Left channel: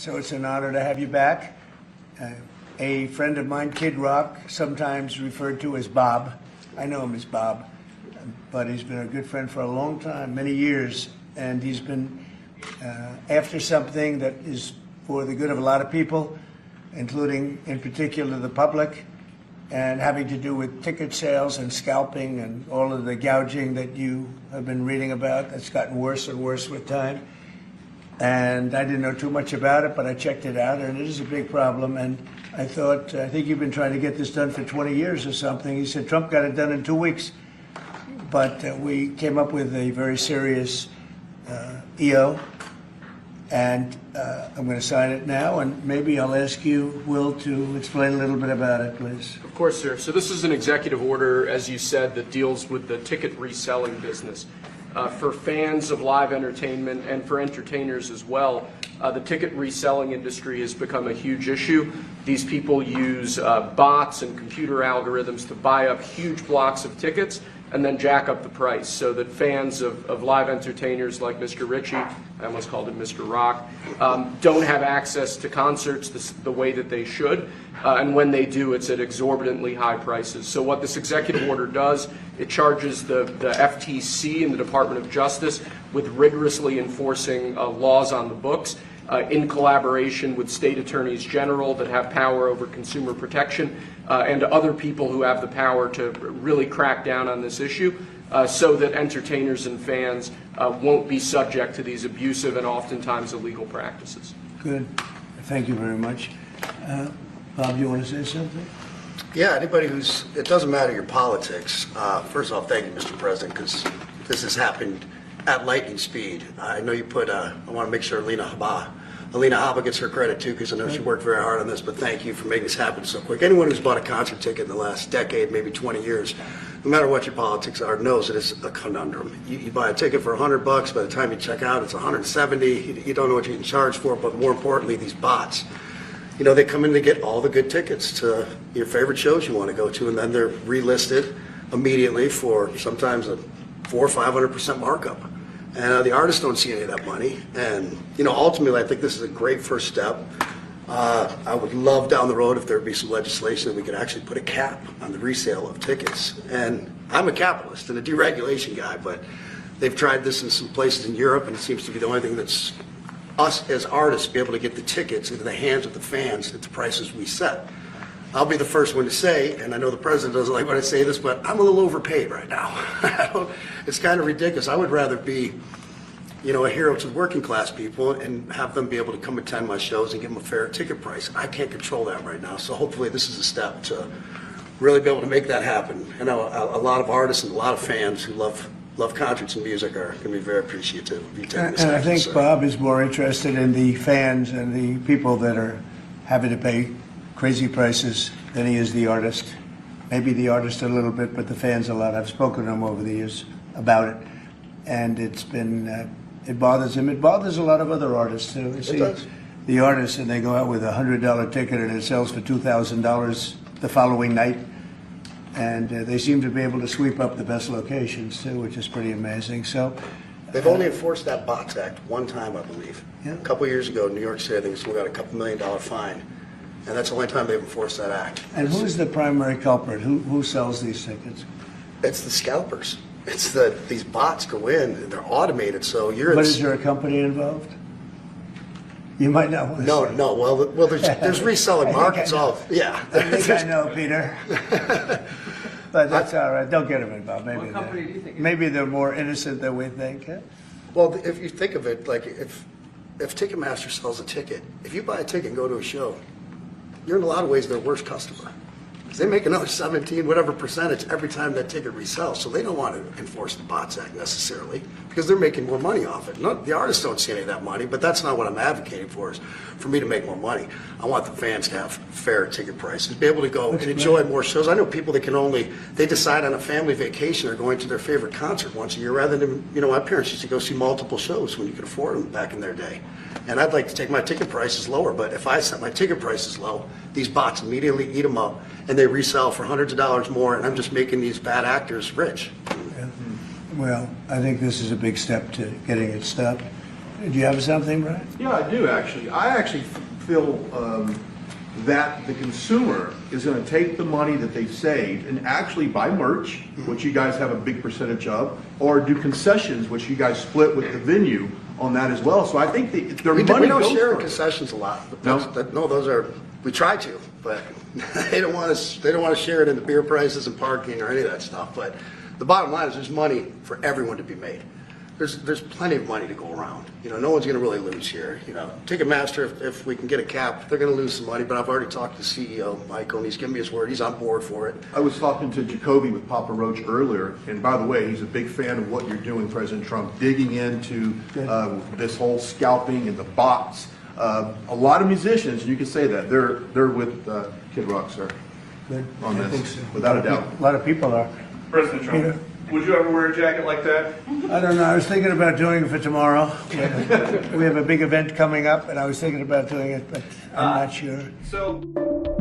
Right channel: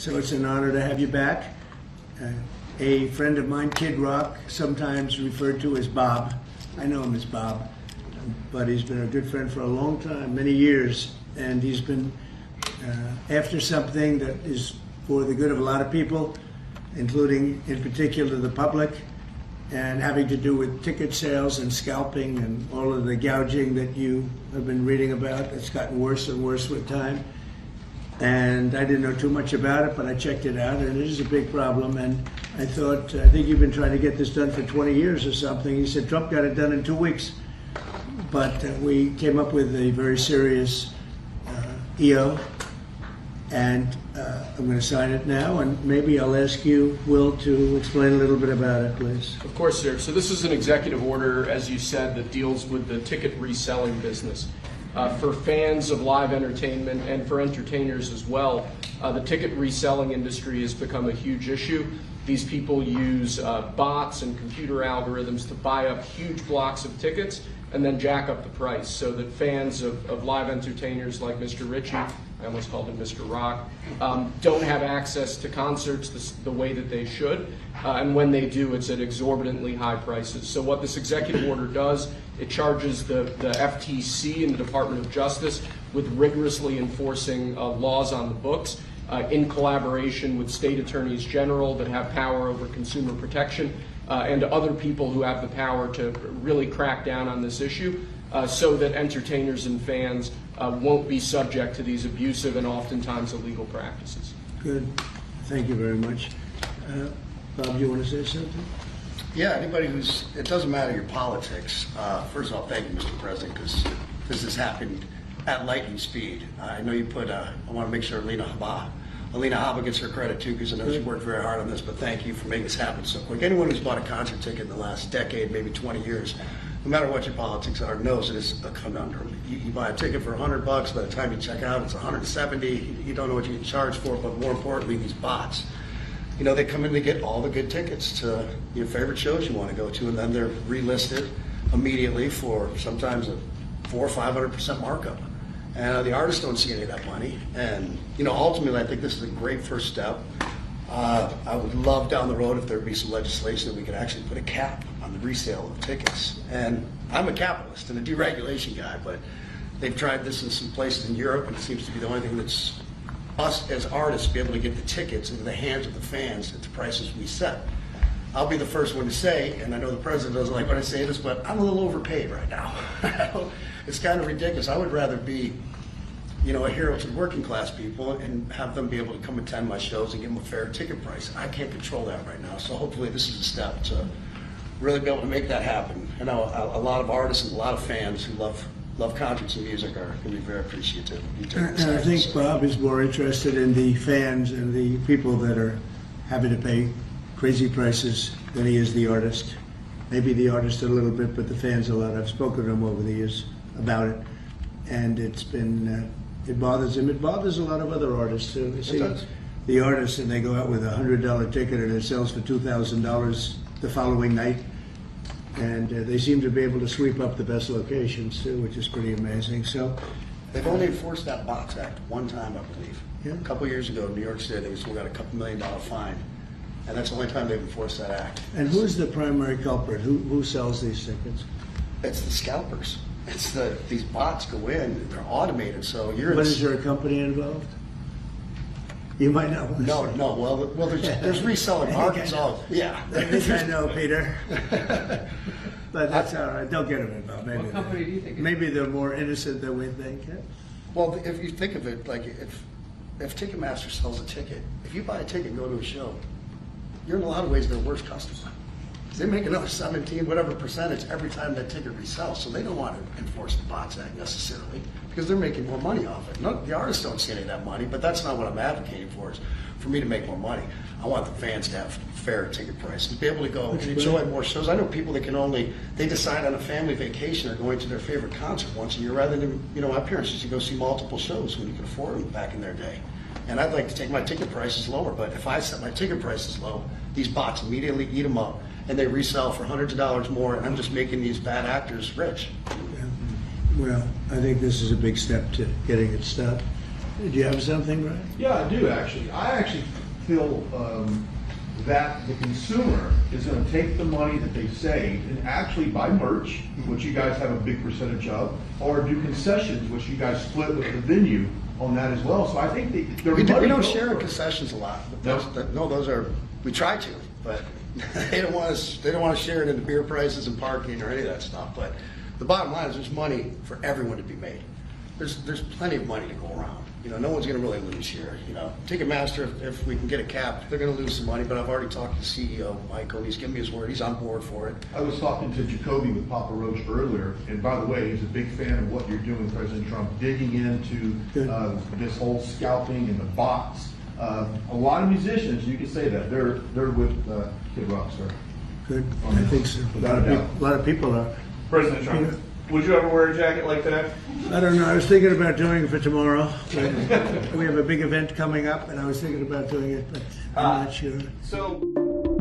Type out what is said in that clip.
So it's an honor to have you back. A friend of mine, Kid Rock, sometimes referred to as Bob. I know him as Bob, but he's been a good friend for a long time, many years, and he's been after something that is for the good of a lot of people, including in particular the public, and having to do with ticket sales and scalping and all of the gouging that you have been reading about. That's gotten worse and worse with time. And I didn't know too much about it, but I checked it out, and it is a big problem. And I thought, I think you've been trying to get this done for 20 years or something. He said Trump got it done in 2 weeks. But we came up with a very serious EO, and I'm going to sign it now, and maybe I'll ask you, Will, to explain a little bit about it, please. Of course, sir. So this is an executive order, as you said, that deals with the ticket reselling business. For fans of live entertainment and for entertainers as well, the ticket reselling industry has become a huge issue. These people use bots and computer algorithms to buy up huge blocks of tickets and then jack up the price so that fans of live entertainers like Mr. Ritchie, I almost called him Mr. Rock, don't have access to concerts the way that they should. And when they do, it's at exorbitantly high prices. So what this executive order does, it charges the FTC and the Department of Justice with rigorously enforcing laws on the books in collaboration with state attorneys general that have power over consumer protection and other people who have the power to really crack down on this issue so that entertainers and fans won't be subject to these abusive and oftentimes illegal practices. Good. Thank you very much. Bob, you want to say something? Yeah, anybody who's, it doesn't matter your politics. First off, thank you, Mr. President, because this has happened at lightning speed. I know you put, I want to make sure Alina Haba gets her credit too, because I know she worked very hard on this, but thank you for making this happen so quick. Anyone who's bought a concert ticket in the last decade, maybe 20 years, no matter what your politics are, knows that it's a conundrum. You buy a ticket for $100, by the time you check out, it's 170. You don't know what you're getting charged for, but more importantly, these bots. You know, they come in to get all the good tickets to your favorite shows you want to go to, and then they're relisted immediately for sometimes a 400% or 500% markup. And the artists don't see any of that money. And, you know, ultimately, I think this is a great first step. I would love down the road if there would be some legislation that we could actually put a cap on the resale of tickets. And I'm a capitalist and a deregulation guy, but they've tried this in some places in Europe, and it seems to be the only thing that's us as artists be able to get the tickets into the hands of the fans at the prices we set. I'll be the first one to say, and I know the president doesn't like when I say this, but I'm a little overpaid right now. It's kind of ridiculous. I would rather be, you know, a hero to working class people and have them be able to come attend my shows and give them a fair ticket price. I can't control that right now, so hopefully this is a step to really be able to make that happen. I know a lot of artists and a lot of fans who love concerts and music are going to be very appreciative of you taking this And I action, think sir. Bob is more interested in the fans and the people that are having to pay crazy prices than he is the artist. Maybe the artist a little bit, but the fans a lot. I've spoken to him over the years about it, and it's been, it bothers him. It bothers a lot of other artists too. You see, does. the artists, and they go out with a $100 ticket and it sells for $2,000 the following night. And they seem to be able to sweep up the best locations too, which is pretty amazing. So They've only enforced that Bots Act one time, I believe. Yeah. A couple years ago in New York City, they still got a couple $1 million fine. And that's the only time they've enforced that act. And who's the primary culprit? Who sells these tickets? It's the scalpers. It's these bots go in and they're automated, so you're But is there a company involved? You might know. No. Well, there's reselling markets. Yeah. I think I know, Peter. But that's all right. Don't get them involved. Maybe What company do you think it is? Maybe they're more innocent than we think. Huh? Well, if you think of it, like if Ticketmaster sells a ticket, if you buy a ticket and go to a show, you're in a lot of ways their worst customer. Because they make another 17, whatever percentage every time that ticket resells. So they don't want to enforce the Bots Act necessarily because they're making more money off it. No, the artists don't see any of that money, but that's not what I'm advocating for, is for me to make more money. I want the fans to have fair ticket prices, be able to go and enjoy more shows. I know people that can only, they decide on a family vacation or going to their favorite concert once a year rather than, you know, my parents used to go see multiple shows when you could afford them back in their day. And I'd like to take my ticket prices lower, but if I set my ticket prices low, these bots immediately eat them up and they resell for hundreds of dollars more, and I'm just making these bad actors rich. Well, I think this is a big step to getting it stopped. Did you have something, Brian? Yeah, I do actually. I actually feel that the consumer is going to take the money that they've saved and actually buy merch, which you guys have a big percentage of, or do concessions, which you guys split with the venue on that as well. So I think their money We don't goes share for it. concessions a lot. No? No, those are, we try to, but they don't want us, they don't want to share it in the beer prices and parking or any of that stuff. But the bottom line is there's money for everyone to be made. There's plenty of money to go around. You know, no one's going to really lose here. You know, Ticketmaster, if we can get a cap, they're going to lose some money. But I've already talked to CEO Michael, and he's given me his word. He's on board for it. I was talking to Jacoby with Papa Roach earlier, and by the way, he's a big fan of what you're doing, President Trump, digging into this whole scalping and the bots. A lot of musicians, you can say that, they're with Kid Rock, sir. Good. On this, I think so. without a doubt. A lot of people are. President Trump, Yeah. would you ever wear a jacket like that? I don't know. I was thinking about doing it for tomorrow. We have a big event coming up, and I was thinking about doing it, but I'm not sure. So.